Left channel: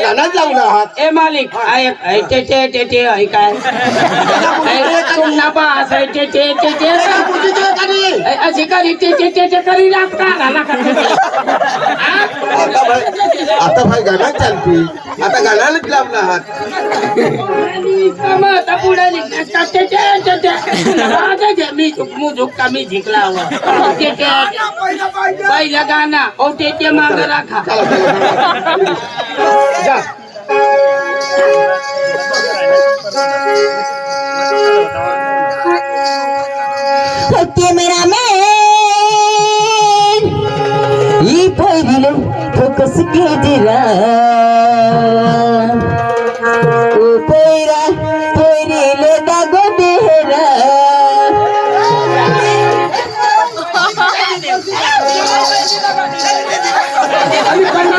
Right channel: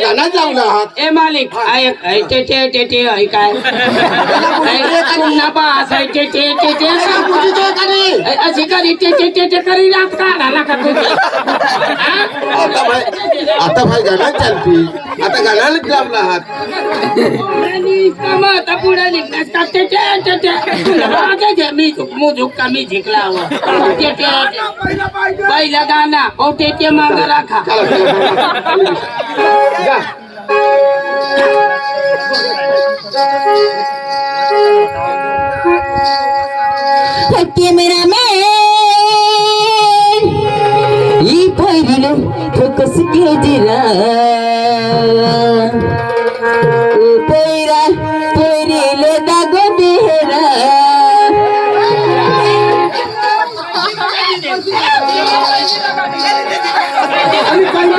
गाण्यात लावला आहात? ए मालिक ऐक ऐ ते ते ते ते ऐ काय ऐ पुन्हा पास ऐ ते ते ते ते ते ते ते करी रात का झाला का तुम्ही हा? आता भाई आता भाई गाण्यात चालती आता गाण्यालाच लावला आहात आणि कामं आता पुढे निघतात ते ते ते ते आता जे मी मुझुक का मी जिंकला हवा ते ते पहिलं पाहिजे पहिलं गाणं हो ते ते मागं राखा जा. ক্যামেরাম্যান ই পইরিল ফোকাস কে জিরা ও পইরা পইরিল দাগো দেহরা আমি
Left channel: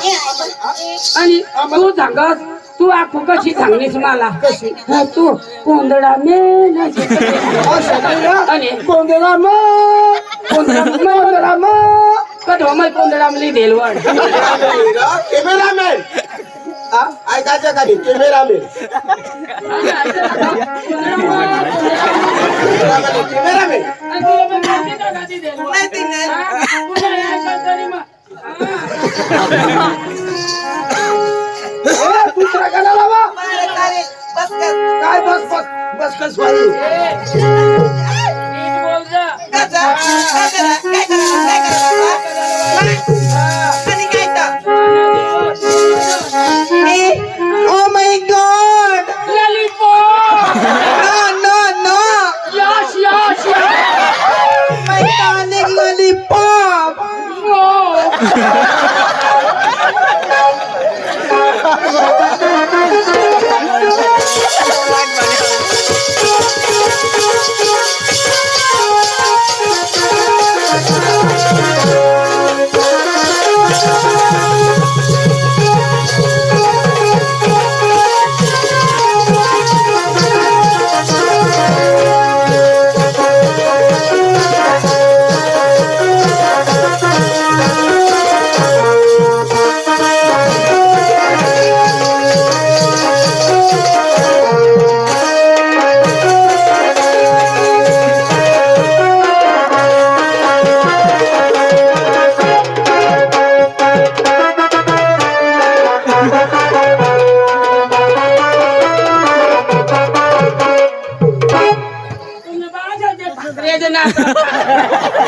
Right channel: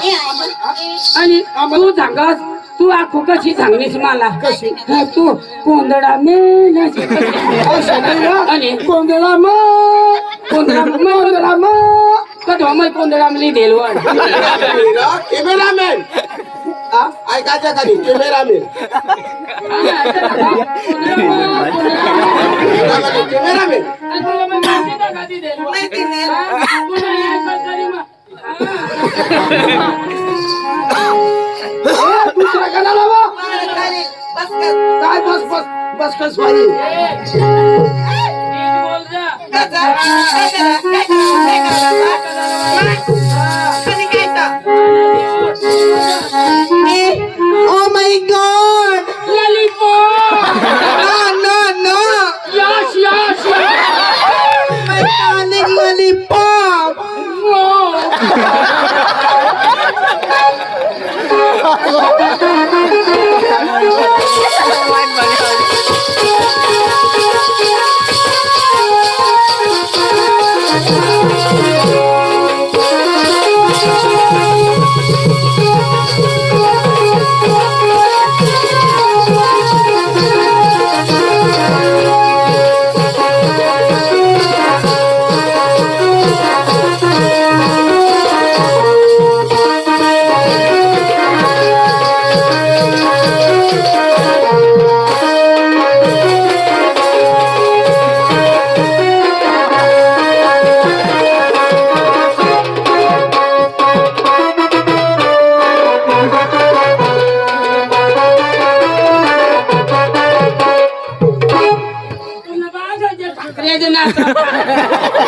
आणि तू सांगस तू आखू कशी सांगलीस मला कशी तू कोंदडा मेल असं नाही ना. आणि कोंदळा मग कोंदडा कोंदळा मग कधो मै कोंदडा मली देलवर कॅमेरामॅन ऐकायचं कधी कॅमेरामॅन कॅमेरामॅन दुसरा गाणं लावा काय बस बस बस कस भाई ಓ Yeah.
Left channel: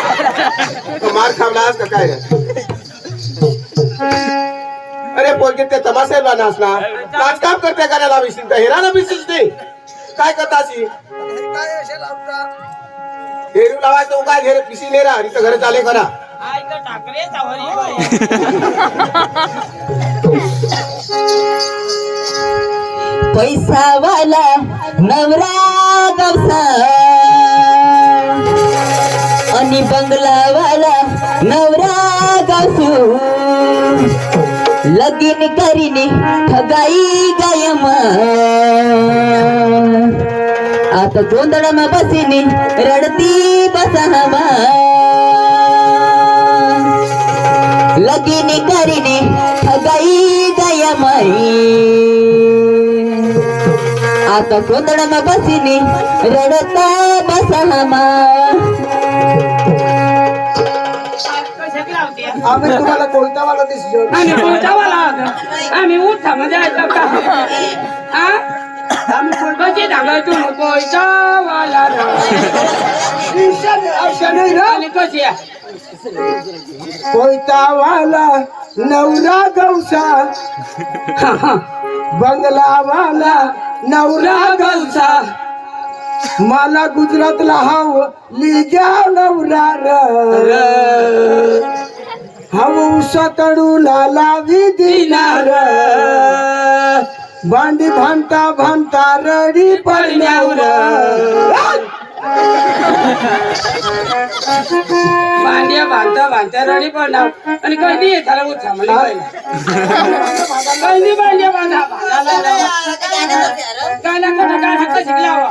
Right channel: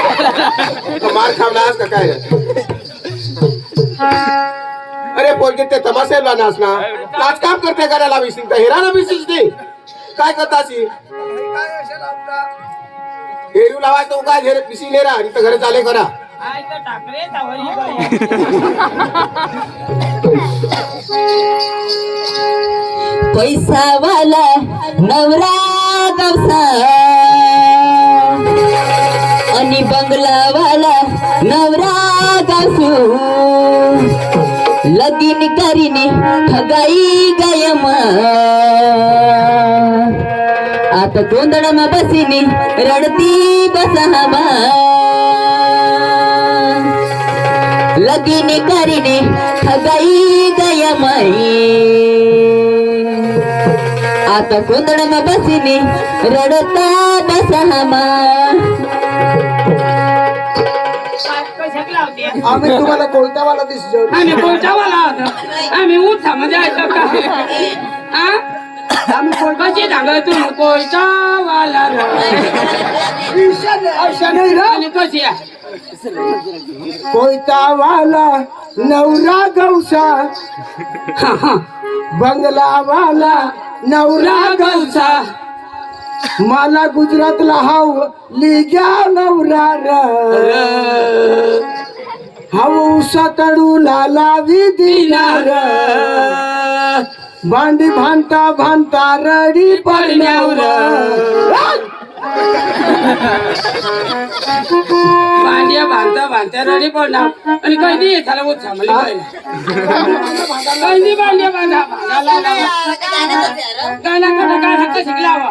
मार खावलास का काय? अरे पोरगे ते तमाशेला नाचला. नाच काम करते करायला विसरून का हेरा ना विसरूच दे. काय करतासी हेरू लावाय तो काय झेरे पिसी ले रा इथं घरे चाले करा. पैसा वाला नवरा गवसा आणि बंगलावाला नवरा कसू लगीन करीने हगाई गायमा आता गोंधळमा बसीने रडती बसहामा लगीन करीने हगाई गयमाई आता गोंधळमा बसीने रडता बसहामा आम्ही तुम्हाला कोणता वाला दिसतो आम्ही कोटावाला होतो. आम्ही म्हणजे ऐकलं का? कशी सांगाय तू कोयतावाला अशा नाही ना? आणि कशी आहे? कोयता वाला नवरा गवसा बंगला वाला नवरा गवसा मला गुजरातला हाव लिग्या नवरा हाऊ सतडू लाला विदिनार भांडी भांता भांता रडी पडल्यावर. भांता रडी पडणार आणि कधी नाही भांड्या गाणं कसं शिकला हो?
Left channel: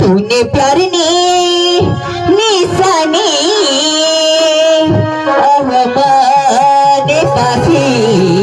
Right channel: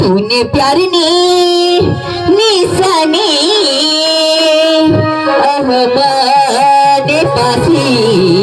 तूने प्यार ने निशाने अहबाद पासी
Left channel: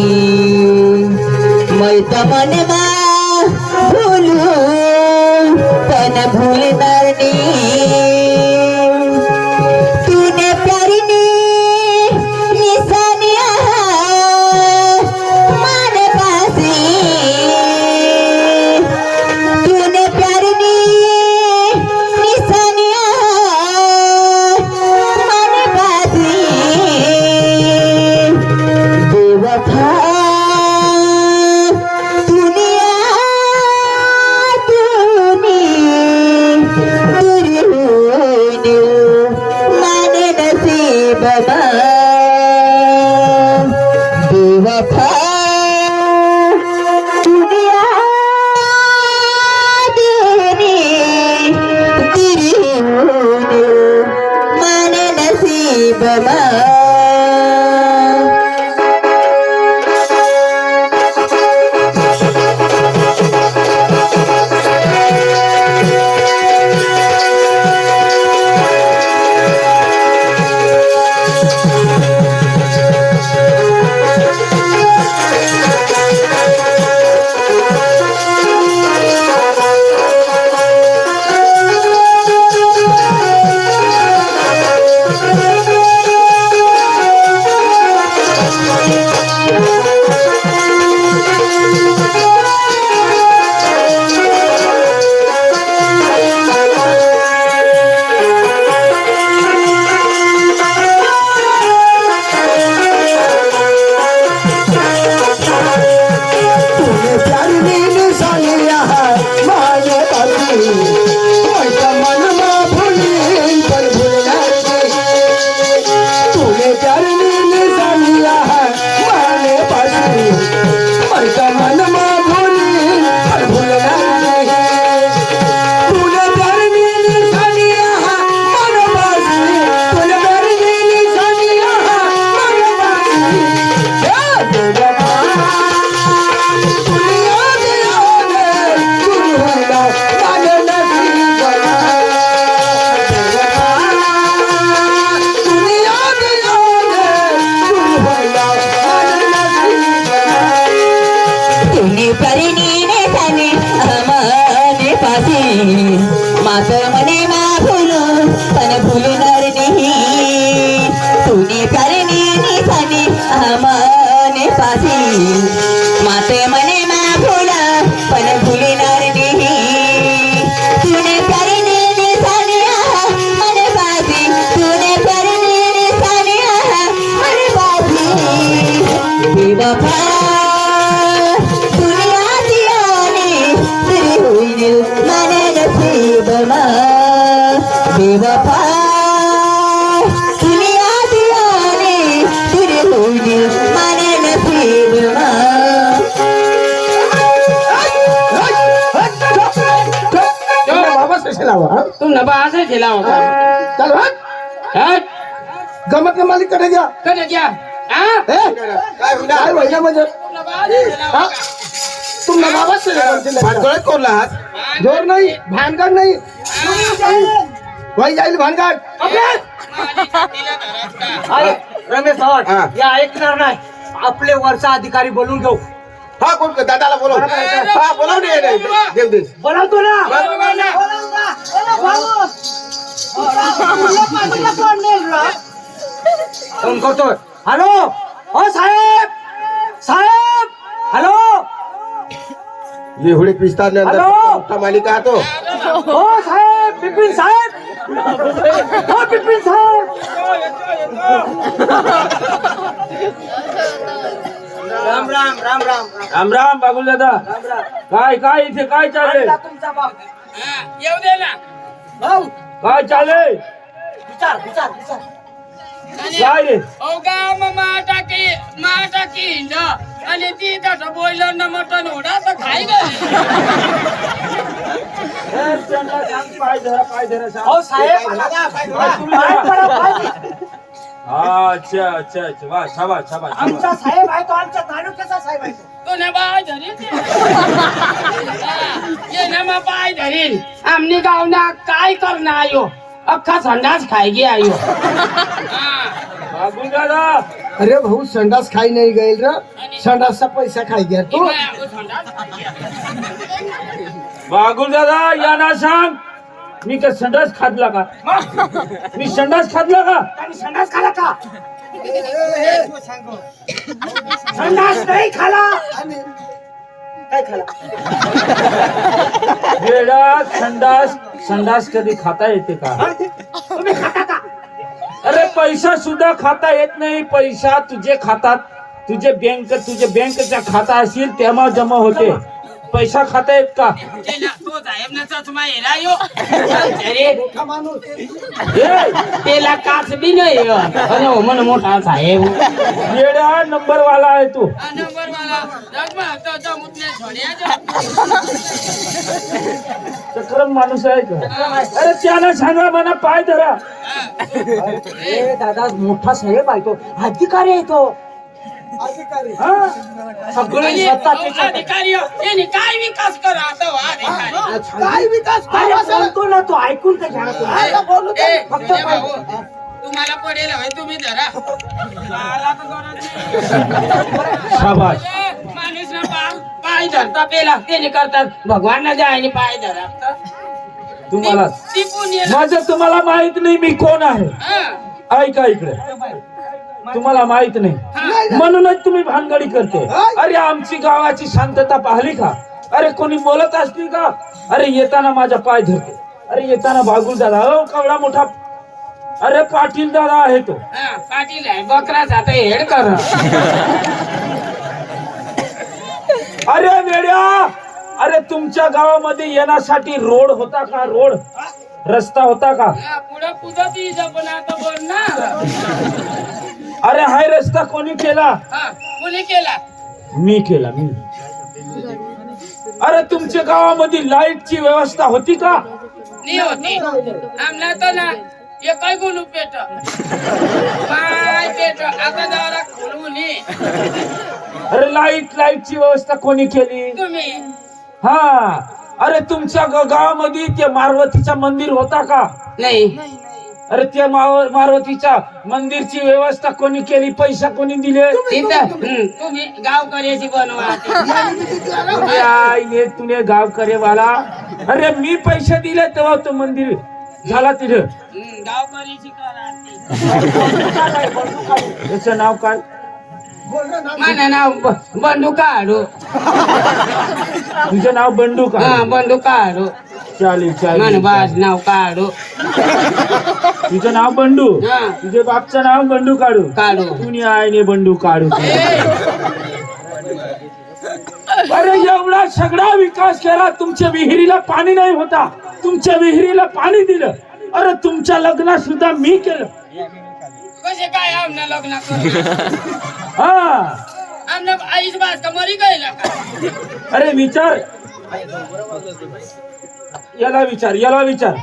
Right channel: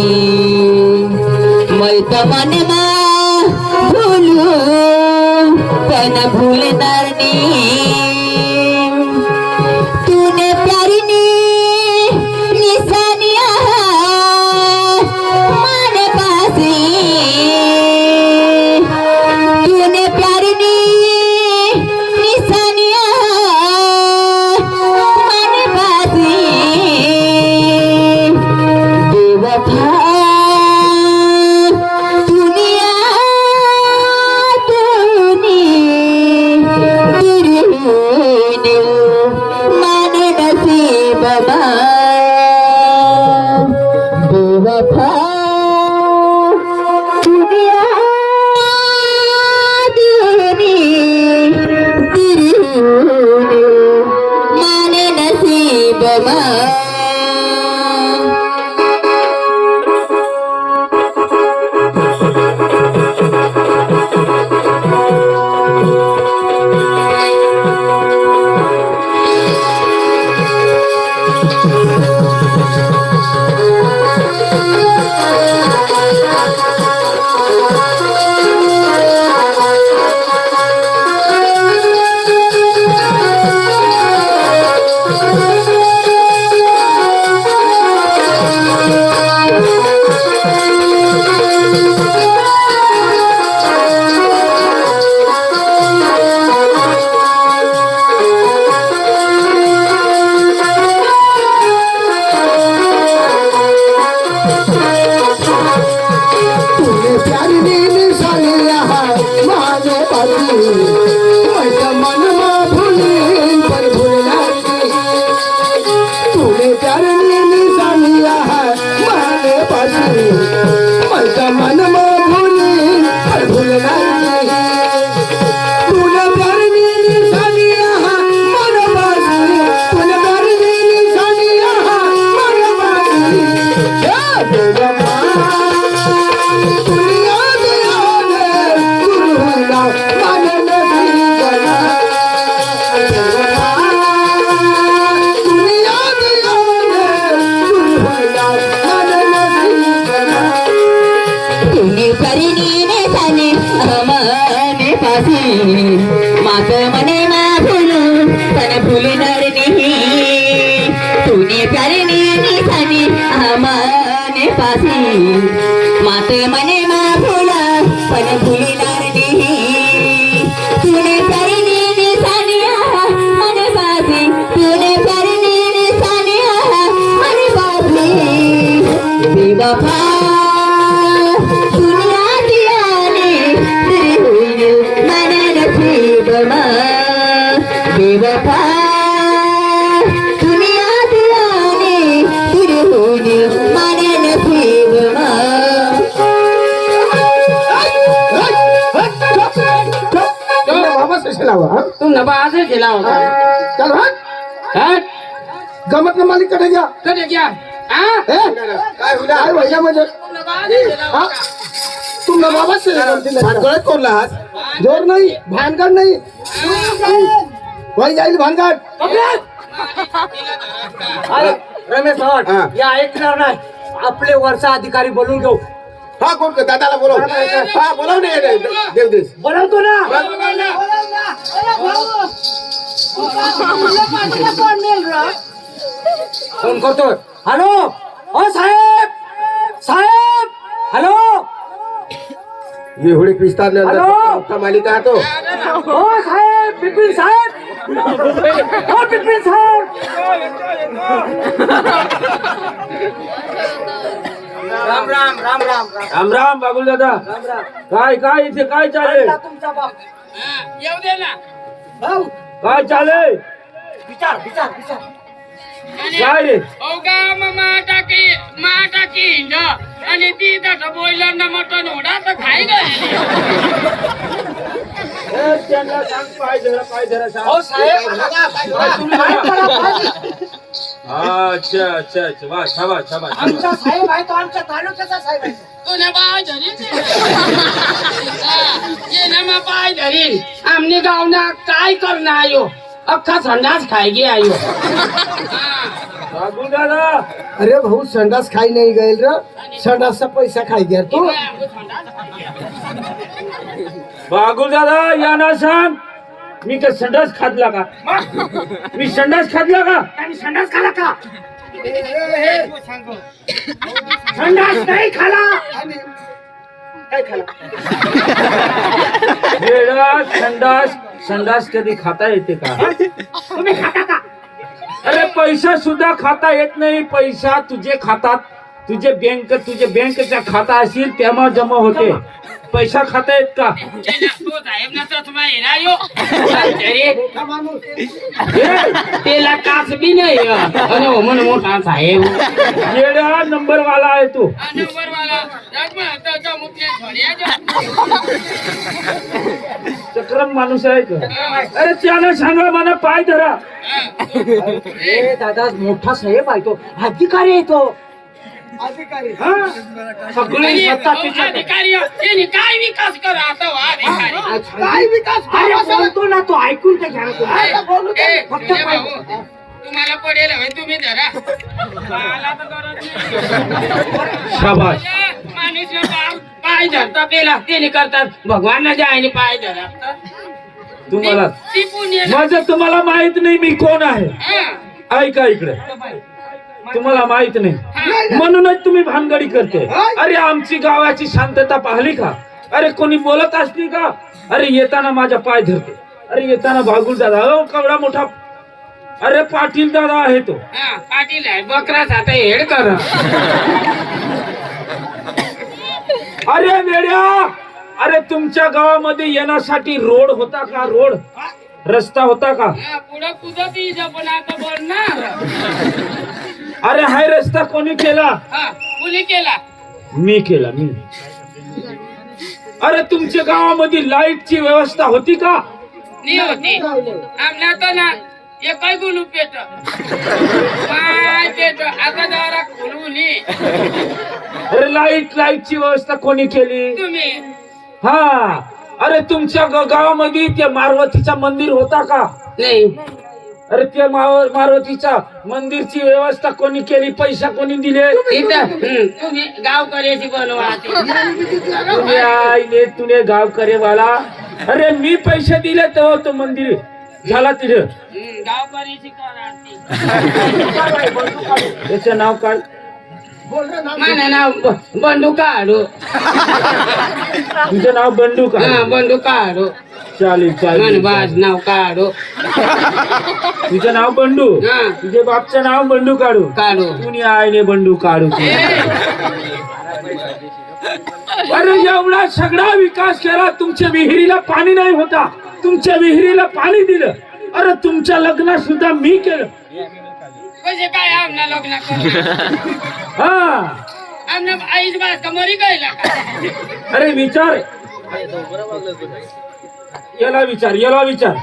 આપને માલિક કરે ગયા કરે ગયા હા હે काय व्हायला म्हणजे तुमला बाबा भानगड कोरला हात ज़ोर नाही भानगड नाही। वय जाईल भानगड अरे हाँ। रमेश हा. सावंत या ऐकणार नाही। आपले वरचा अधिकारी बोलून घेऊ तो। हा कोण कर- दादाला बोलव बोलो। बोलव ना याला. बोलो। बोलावतो ना। बोलो ना. फ़ोन करतोय हॅलो ओ साहेब साहेब हॅलो एवढे पिस्तारल्यानंतर मोठा मालिक हा तो ओ साहेब बिपिन साहेब ओ बिपिन साहेब राम राम राम राम राम राम राम काय काय इथे काय चालेल तुमचा बाप येऊ दे ना भाऊ काय चालेल विचार विचार विचार आणि काय रे औ गाव मा टाकी मा टाकी हिंड आणि ती तसं बोललं ना मटण ओढा तर खाई गए ए, त्यांना सांग पाय धरा पाय धरा सांग. हो साहेब पाय करा, पाय. अच्छा अच्छा अच्छा वा शाबास शाबास आमचा शाबास. साहेब आहे तो अख्खा संडास खाय गे आयो हा. बाबुल दादा अरे भाऊ संडास खाई नाही गईल र. संडासचा पैसा खाई गया तू? बागुल दादा या ना सांग. मी का संडास खादला का? मी संडास खादला का? संडास खाला का? संडास नाही खाला. काय खाला? संडास संडास कधी खाता येते का? तुम्ही खाता का? अरे पैसा सुद्धा खाता येत नाही. पैसा तुझे खातात. तुझे बँक तुझे बँकचा खाता असेल तेव्हा जमा होते. पैसा खाता येत का ये ना, तो साहेब ना चष्मा हेरा यो अरे मोठा माणूस हे, त्याला काच बी नाही हो. अरे हो म्हण मोठा साहेब येडा नंबर वाला आहे तू नंबर वाला जगमा तो जमुतल्या छोड्या चक्रम माणूस आहे का अरे त्याला सांगा मला पाय धरा ए दादा मोठा साहेब आहे तो अधिकारी हा? सगळी सत्ता तिच्याकडे. अधिकारी. यांनी काय विकास करा आता अधिकारी काय विकास अरे बोलतो ना तो ऐकून तर घ्या ना तुम्ही. ए, फक्त ए भाऊ, तुम्हाला पडेल होय तुम्ही धरा मला तर गरज नाही. शाबास ए, माणूस ना पाय- पाय धरता पेला त्याने करतात भगवानला जायने पाय धरा तुम्हाला टिपून. माझं तुम्हाला माहीत नाही मी कोण आहे. ऐका इकडे तुम्हाला माहीत नाही. म्हणूनच तुम्ही भानगडी करते. अरे आमची गावाची शांतता पाहिली का? अरे कोणी बोलत असली का? अरे येताना माझा पाय धरते. अरे येताना बागुल दादा हो केवढा मोठा. अरे पाटील दादा आहे तो. हा, पाटील आहे. बकराच आता हेड कर. अरे वेड्या! अरे तुमच्या गावामध्ये येण्यासाठी रोड होता का? रोड? रस्ता होता का? पुढं कुदत पण आता बोलणार? अरे हाय रस्ता कोणी केला? हा कुणी केला? मी केला मी. अरे तुमच्या गावामध्ये लाईटची व्यवस्था होती का? नी होती. आमला तर ना एकही गुलू पेट. काय पेट? आता जरा खुलून ये. अरे लाइट लाईटची व्यवस्था कोणी केली? तुम्ही? हा. अरे तुमच्या ग- गावामध्ये ते मारवतीचा मंदिर होता का? नाही. अरे त्या मारुतीच्या मंदिरची व्यवस्था कोणी केली? पैसा कोणी दिले? तुम्ही गावकऱ्याची बनवा. तुझे आईने तुने गाव करे वाला अरे मी पैसे दिले तेव्हा तो मंदिर झाला तिथे. गावकऱ्याची. त्याचं नाव काय? माझं नाव बंडू काढू. तुझं नाव बंडू का हा बंडू काढू. चालेल मन चालेल. बाज नाव काढू. तुझं नाव बंडू. हा. तुझे बापचं नाव बंडू काढू. काढू. कुणी आईने बंडू काढू अरे एवढा सगळा विकास केला तुमच्या विहिरीला पाणी नाही होता. तुमच्या विहिरीला पाणी दिलं. अरे तुमच्या लग्न सुद्धा मी केलं. कसे काय आमना लग्न हा. आमना आईच बाज का मरी गईला का? अरे विचार. याला विचार याला विचार.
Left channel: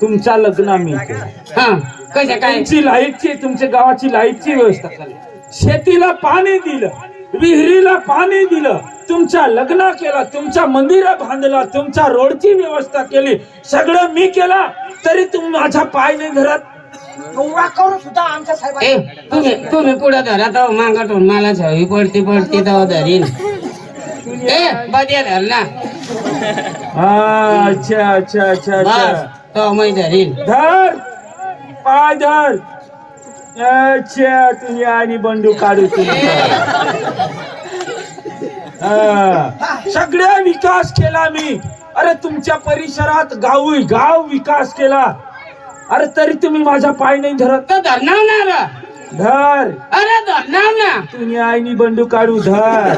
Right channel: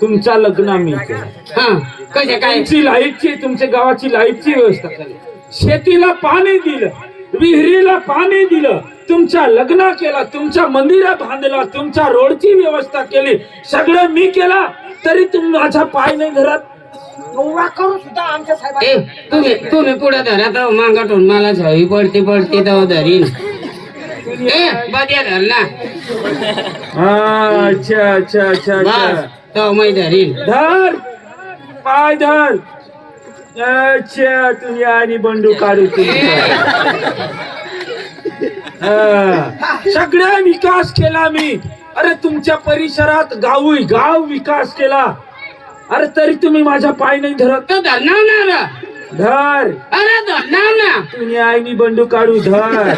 तुमच्या लग्न हा. कसे काय? तुमची लाईटची तुमच्या गावाची लाईटची व्यवस्था केली शेतीला पाणी दिलं. विहिरीला पाणी दिलं तुमच्या लग्न केलं तुमच्या मंदिरा बांधला तुमच्या रोडची व्यवस्था केली सगळं मी केला तरी तुम्ही माझा पाय नाही धरत. सुद्धा आमच्या तुम्ही तुम्ही पुढे धरा तर मागाटून मला झवी पडती पडती तर धरीन. ए बद्या धर ना. हा, अच्छा अच्छा अच्छा. बस अच्छा तो मै धरीन. धर पाय धर. अच्छा तुम्ही आणि बंडू काढू तुमचा हा. सगळ्या विकास केला मी. अरे तुमच्या परिसरात गाव गाव विकास केला. अरे तरी तुम्ही माझा पाय नाही धरत. तर धरणार ना रे. धर. अरे धरणार ना. तुम्ही आईनी बंडू काढू धर.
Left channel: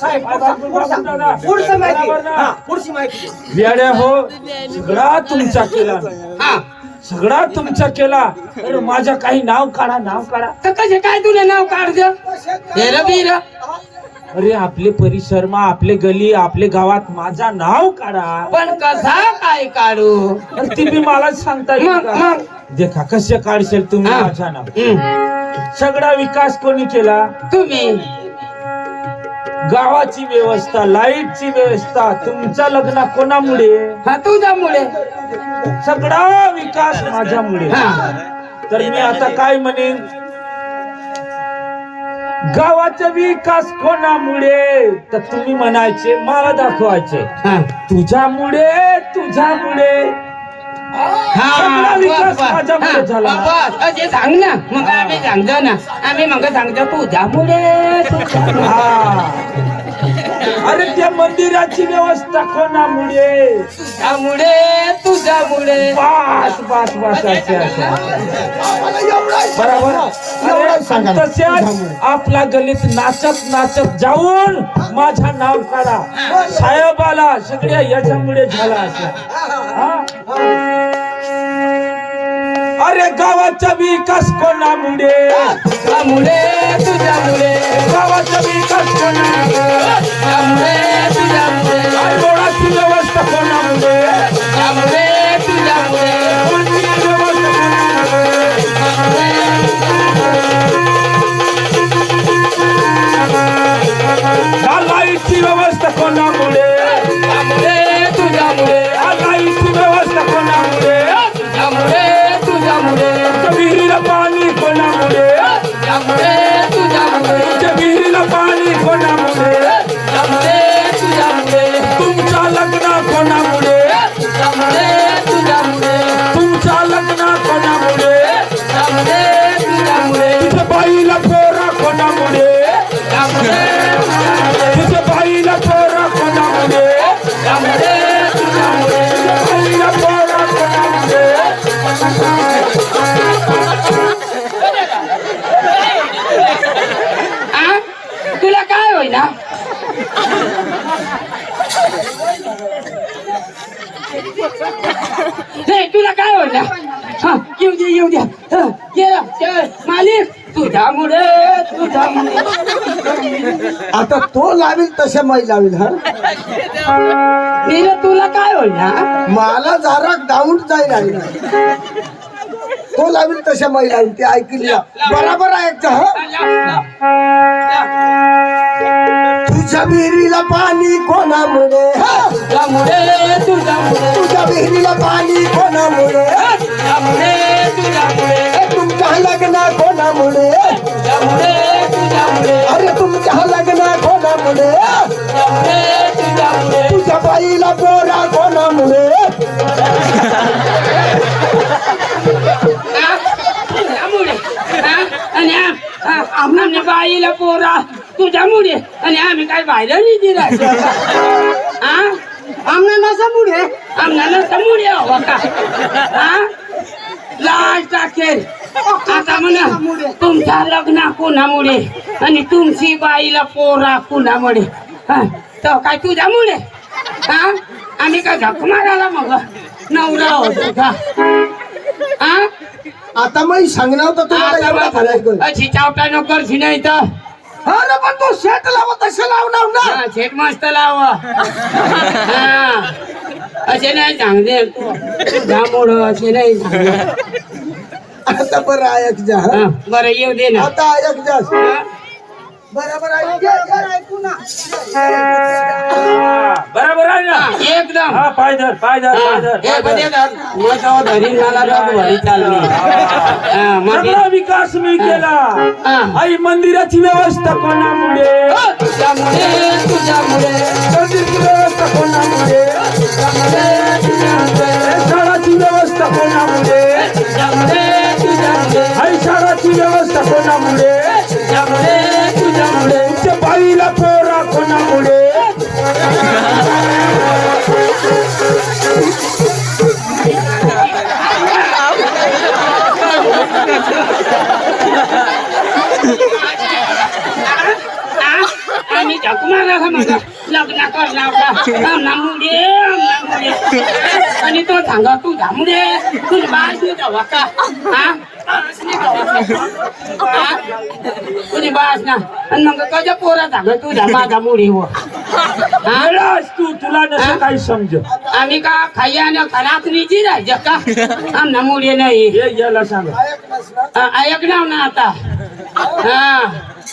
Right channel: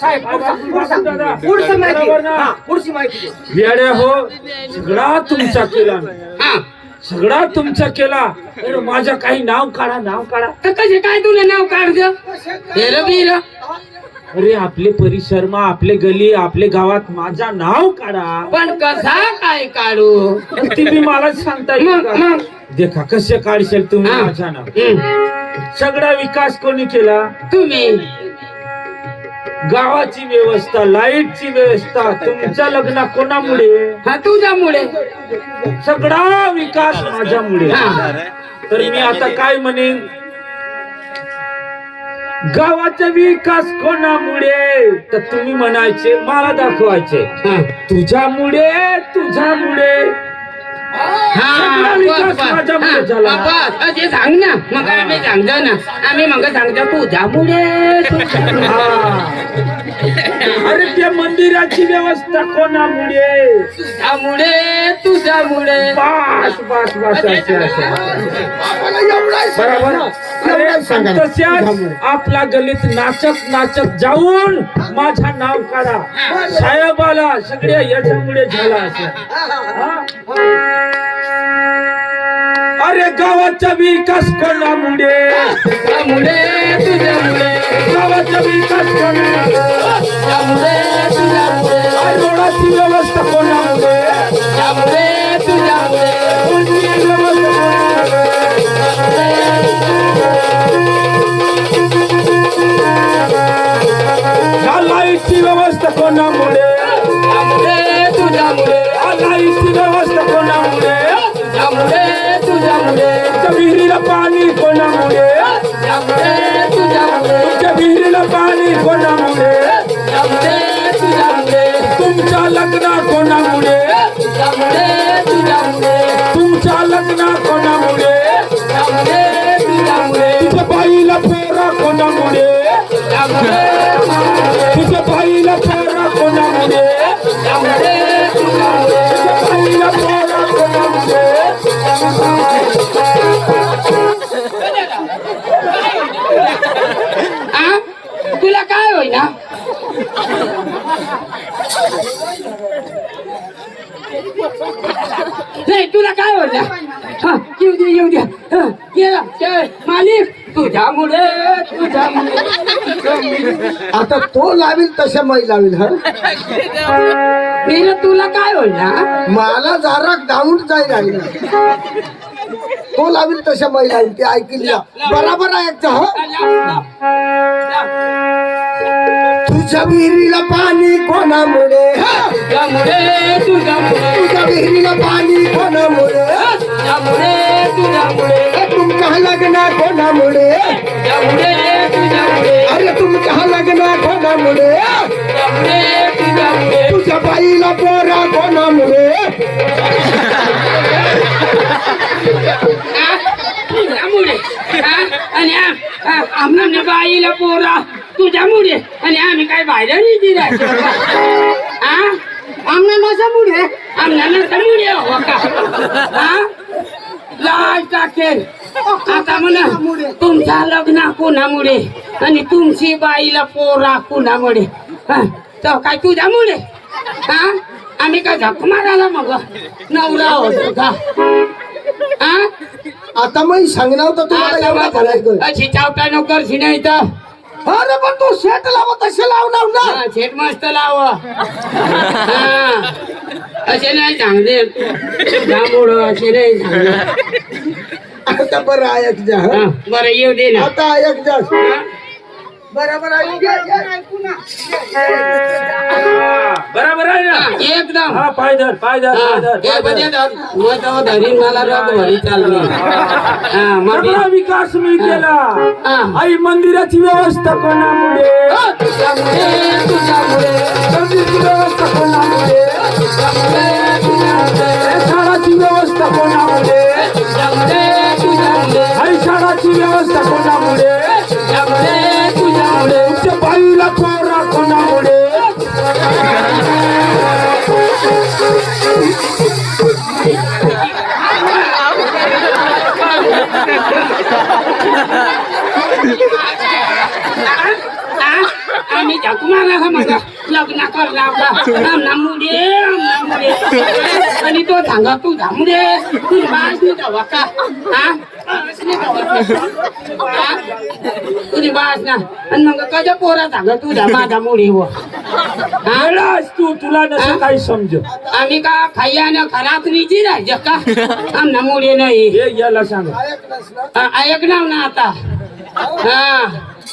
साहेब पुढचं. पुढचं माहिती हा, पुढची माहिती हो सगळा तुमचा केला मी. हा. सगळा तुमचा केला अरे माझा काही नाव काढा नाव काढा. तर कसे काय तुला नाव बीर. अरे आपले परिसर मा आपले गली आपले गावात माझा नाव काढा. पण कसा काय काढू? अरे ती बी मला सांगता येईल का? देखा कसे काढशील तुम्ही हा. माझा नाव. सगळा विकास कोणी केला? तुम्ही. गावाची व्यवस्था लाईटची व्यवस्था तुमच्या लग्न कोणामुळे? हा तुझ्यामुळे. सगळा विकास माझ्यामुळे. तर मी आता काय म्हणेन? गावाचा विकास कोणामुळे? तर तुम्ही म्हणायचे मला दाखवायचे. तुझ्यामुळे तुझ्यामुळे. असे सांग ना. मग आम्ही सांगतो ना. आम्ही मग सांगतो तुझ्यामुळे. अरे त्या मंदिराची व्यवस्था कोणामुळे? तुझ्यामुळे तुझ्यामुळे. बस बस बस असे बरोबर. तसेच आपला गलीत नाचत नाचत जाऊन माझा नाव काढा. साहेबाला सगळ्या याच्यामुळे झाला असं? अरे गावाचा विकास कोणामुळे? गावाचा विकास कोणामुळे? लावील तसे मै लावील हा? तुला काय होईना मला जरा डाऊन जाईल लागला तो लावील तसे मै लावील ते ऐकली बराबर ऐकतं हा? तुझ्या विहिरीला पाणी कोणामुळे हा? तुझ्या विहिरीला पाणी कोणामुळे तुमच्या लग्न कोणामुळे अरे तुमच्या कोणामुळे तुझ्या बाईला पोरा कोणामुळे तुझ्यामुळे आणि आ- आ- बाईला पोरा तुझ्यामुळे आणि आम्ही काय बाहेर नाही दिला आमना नसामुळे आमना नसामुळे हवं हो का हा? लाज टाकेल आता म्हणा तुमच्या लग्न कोणामुळे? आणि तुमची बाईला पोरा कोणामुळे? हा? तर काय तुझ्यामुळे? हा? आम्ही काय झक मारायला मग? नवरा होतो का? हा? आता मग सांगणार एवढा झालाय. अशी चावटा नको नाही तर. अरे पण तू शेट लावा तसे लावणार ना हा, शेट मस्त लाव हा. असे नाही चांगले जांभूळ असे नाही चांगले. आता बरं ऐक जा हा, हं? बरं येऊ दे ना आता ऐक जा हा? बरोबर ऐक जा, जा, ऐकू ना बरोबर आहे ना? एकदम. हा पाय धर पाय धर पाय धर, हे पाय बघे धर. धर. मग तो धरीन मला रात भरी चालली. हा, मग सगळा विकास मी केला. आई मंदिराची व्यवस्था कोणामुळे? तुझ्यामुळे तुझ्यामुळे. मंदिरची व्यवस्था कोणामुळे? व्यवस्था तुझ्यामुळे. आणि तो सांगा तू धामुडे तू बास नाही जावा का हा बास नाही जावा का? हा? तुझी बास ना आणि मग कशा पोरा सांगा तुझ्या माझा मुडी हो हा? वेळास तू तुला नसं काही समज आम्ही का खायला खराब निजी राहायचं का आमना मुडे नाही हे याला सांग अ- ऐक ना ना आता हा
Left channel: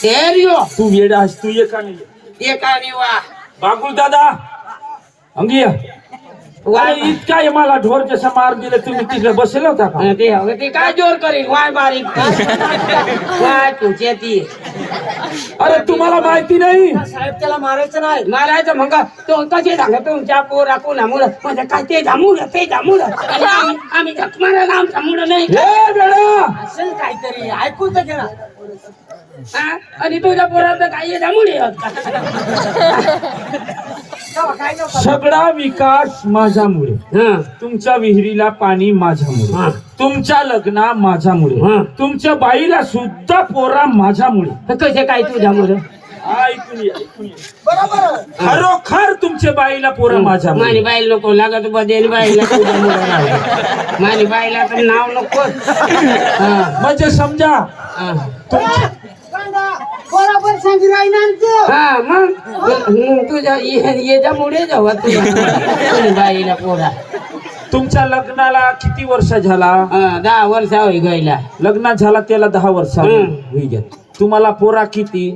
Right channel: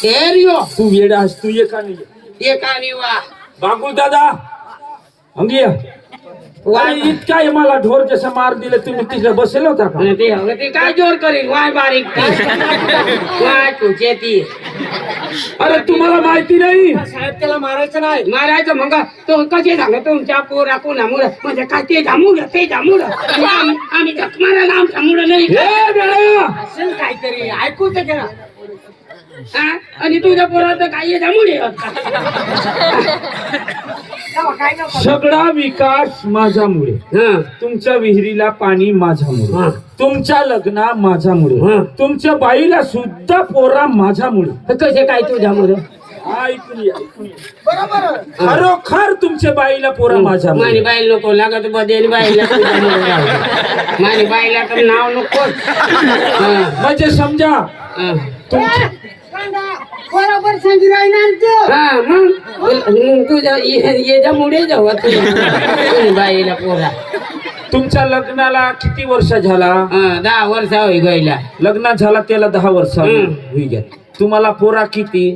हेरियो तू वेळास तू ये का नाही ये? एकाने वा बांगुल दादा अंगी ये. वा अरे इतका हे मला ढोर जसा मार दिले तुम्ही तिकडे बसले होता का? ते ते काय जोर करील वाय बारीक ती. वाय तुझे ती अरे तुम्हाला माहिती नाही? साहेब त्याला मारायचं नाही. मारायचं मग तो कसे सांग तुमच्या पोरा कोणामुळं? म्हणजे काय ते जामुड ते जामुड आणि आम्ही आम्ही जखमाला आमच्या मुलं नाही. हे वेळा असेल काहीतरी. ऐकू तर घ्या? आणि तुझ्या पोराचं काय नको सगळा विकास माझ्यामुळे. हा. तुमच्या विहिरीला पाणी माझ्यामुळे. हा. तुमच्या लग्ना माझ्यामुळे. हा. तुमच्या बाईला सुद्धा पोरा माझ्यामुळे. कसे काय तुझ्या मुलं ऐकून घे, ऐकून घे. बरोबर. खरोखर तुमच्या बाईला पोरा मानी माझ्यामुळे. बाईल नको लागत बदेल बाईला मानी बाईला तर नाव नको. म्हणजे समजा. बरोबर सांगी राहिला हा मग? मग तुझ्या याच्यामुळे बाईला पोरा. तुमच्या लग्नाला किती वर्ष झाला? हा दहा वर्ष होई गईला लग्न झाला त्याला दहा वर्ष. होई गेला. तुम्हाला पोरा किती?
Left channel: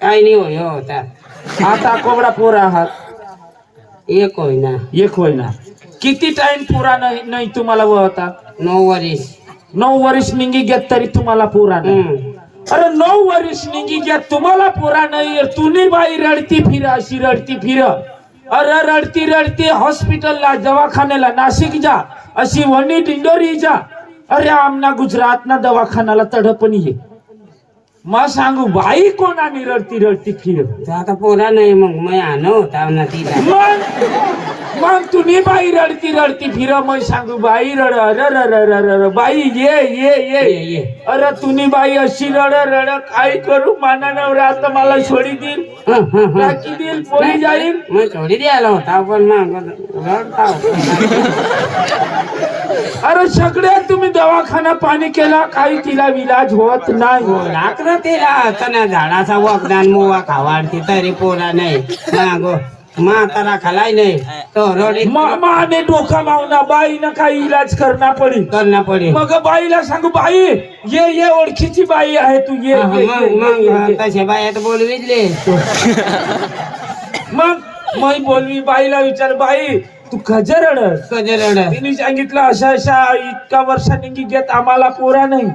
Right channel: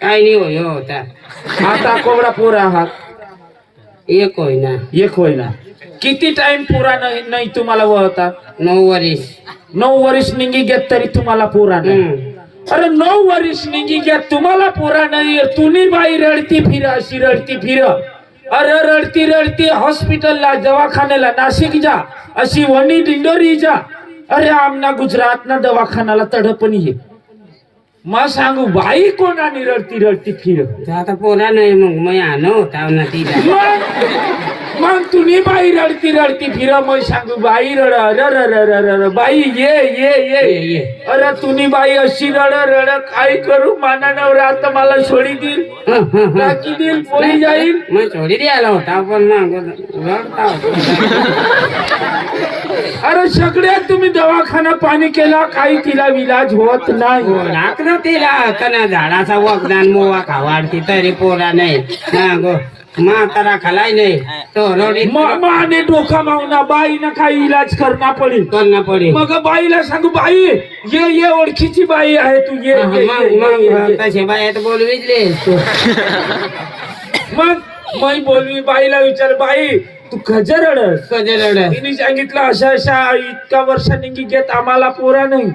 काय नाही होय हो आता. आता कोबडा पोरा आहात? एक होय ना. एक होय ना. किती टाइम पुरा नाही नाही तुम्हाला वळतात? नऊ वर्ष नऊ वर्ष निघी घेत तरी तुम्हाला पोरा नाही. अरे नऊ वर्ष निघी घेत तुम्हाला पोरा नाही तुम्ही बाई रडती फिर अशी रडती फिर. अरे रडती रडती हॉस्पिटलला दवाखान्याला नाशिक जा. अशी वणी दिंडोरी जा. अरे आमना गुजरात ना दवाखान्याला तडपणी ये. मग सांगू बाई कोणाने रडती रडती फिर? आता पोरा नाही मग मी आणू होता तिला मग तुम्ही बाई रडती रडती फिर मग सांगू बाई रड र र र र र र बाई ये ये ये. अरे तुम्ही बाई अशी रड रड काय करू? माना नवरा आता मला सोडी देईल. टाकी देईल पोळी जाईल. मग थोडी द्यायला होता पण मग रडता. अरे सगळ्यात तुम्ही दवाखाना पाणी केला काही तिला विलाज होत नाही. हो, रात्र तिला. तना झाडाचा वगदान मोवा खावाडती तरी पोरा नाही. मागो म्हातारा खालाय नाही. तो रडी मामाने डोका मावना बाईनं काही इलाज करणा पडेल करणं पडे. मग बाईला सांगू बाई ये ये ओळखीची बाई आहे तू ये मग ये. तसे बायात बोलविले मग मै बोलवी बाईला विचार बाई तू खजर रडस? कधी रड तिने सांगितलं अशा अशा इतका वर्षांनी घेत आम्हाला पोरा नाही.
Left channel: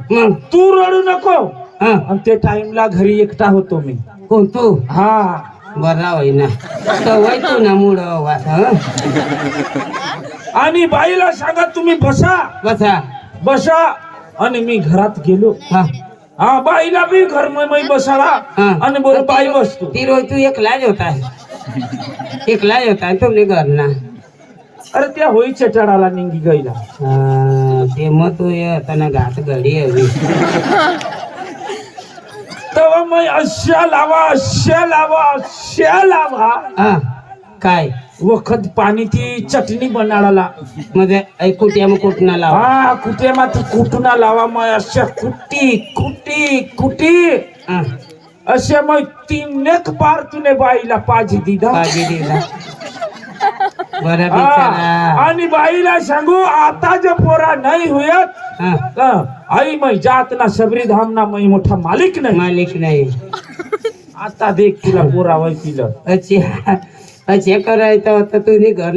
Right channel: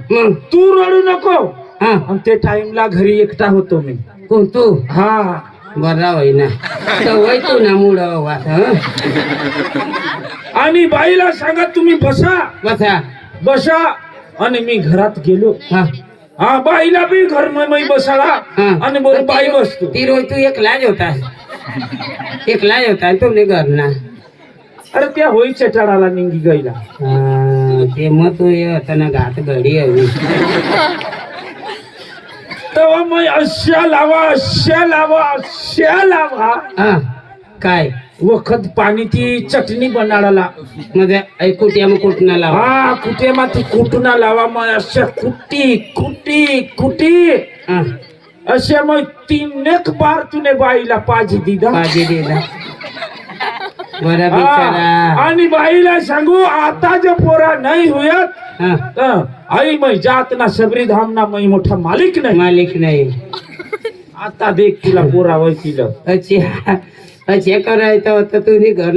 तू रडू नको. हं. आणि ते टाइमला घरी एकटा होतो मी. कोण तू? हा. बरा होई ना तो ना हं? आणि बाईला सांगा तुम्ही बसा. बसा. बसा. आणि मी घरात गेलो. हा. हा बाईला बी घर मै बसाळा हा. आणि बोल बाई बसतो. ती रोज तू एकलाच होता एकलाच होता तुम्ही घर ना अरे त्या होई चटाडाला निंगी गईला. ते मग तू येताना घात घडी हवी. तेव्हा मग अशा लावा अशा लावा अशा लावा. हा काय? वखत पाणी ती चटणी बनाडाला मध्ये ऐकुट्या मग कुठनं लावा? हा कुठे मा ती कुटुना लावा मग अशा कुटी कुटी कुटी. हा, असे मग तीन एक बार तुने बाईला पाजी दिदा बाजी दिला. बरं हा, बिचारा. आणि बाईला सांगू आता जो पोरा नाही होयत हा, हं, आई मै जात ना सबरी धाम ना मै मोठा मालिक नाही मालिक नाही आता देख तिला पोरा वय तिला अच्छे अच्छे करायचं होतं तुम्ही घर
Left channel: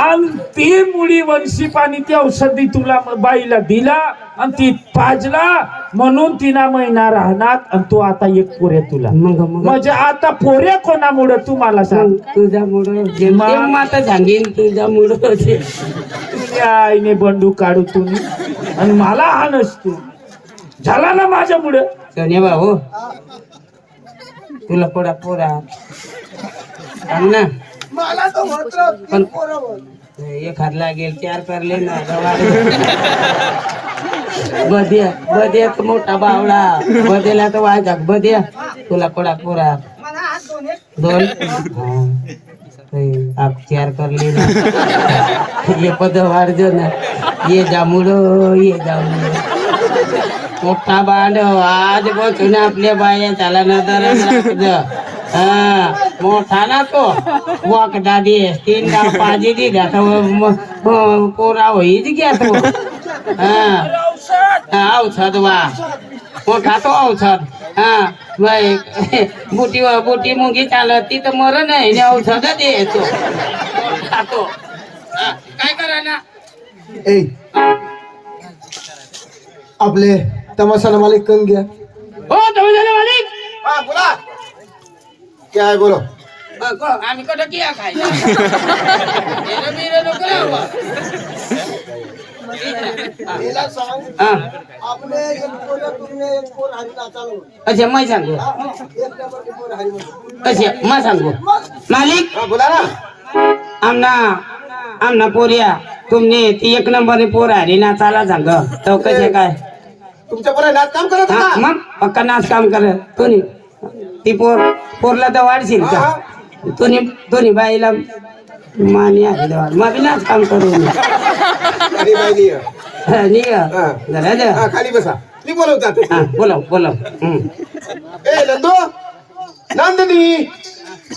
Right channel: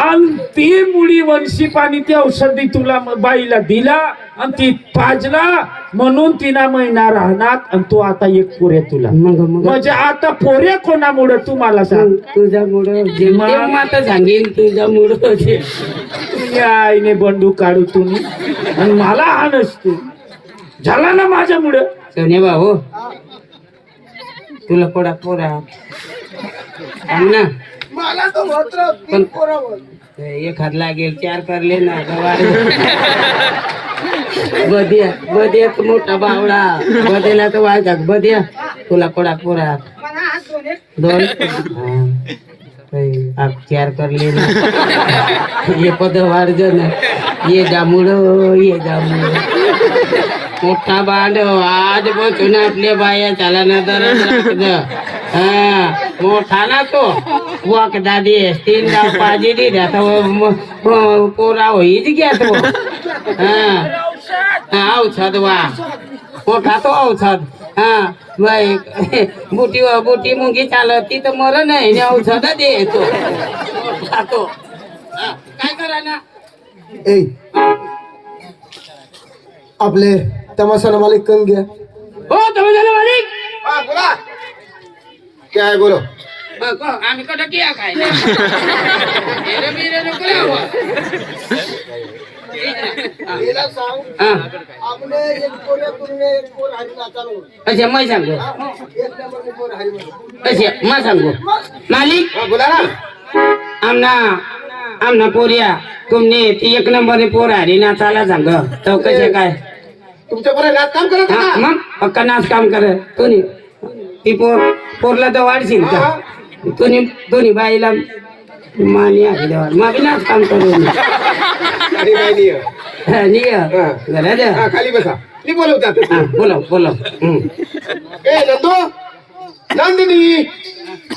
आणि ती मुळी वंशी पाणी ती औषधी तुला बाईला दिला आणि ती पाजला म्हणून तिना महिना राहणार आणि तू आता एक पोऱ्या तुला. मग मग. म्हणजे आता पोऱ्या कोणामुळे तू मला सांग? तुझा मुड आता सांगेन तुझा मुड तुझ्या आईने बंडू काढू तुम्ही. आणि मला हानस तू झाला ना माझ्यामुळं? सोन्या भाऊ तुला पोडा पोरा. सांग ना. मला तो हात लागेल चार करले ना बद्या बद्याच मोठा बावडा. बद्याला तर वाजक बद्या तुला कोडा पुरा. दोन. आप चार करले ना. ये पद वाढज ना ये जामुळ ये जामुळ मोठा बांधव आज बसून आपल्या बाया चाला ना जरा. हा मोठा ना तो. वाक दादी तीन डाव पाजी दी आता पोरा होईच घ्या तो हा हा, औषध वा मोठा तो औषध हा बाई बुटी बुटी मुंगी चालत ती तर मर नाही आणि औषध देतो मोठा तो। हा, काय करा ना? ए आपले तमाशाला मालिक कन घ्या हो तुम्ही झालं मालिक! हा बोला. क्या है बोलो? मग आम्ही किया बिरं बिरं नको लावू. गेला सांग हा. आपले एक पोर तुमने एक पोर हरी नाचालो अच्छा मै सांगू. एक नंबर पोर हरी म्हणतो अच्छा मा सांगू. मालिक? बोला ना. आमना आमना पोरिया तुमने ती एक नंबरने पोर आली ना चाला सांग. तो कसे काय? तुमच्या बरोबर नाच काम करत हा, मग? पक्का नाच काम कर कोणी? ती पोर पोरला तर वाढशील का? कोणी दोन्ही बाईला मानी देवा. मग नाच काम करू अरे बाई. हा, निय. जरा द्या. हा खाली बसा मी बोलवतात बोलव बोलव हम्म. ए नंदू नंदिनी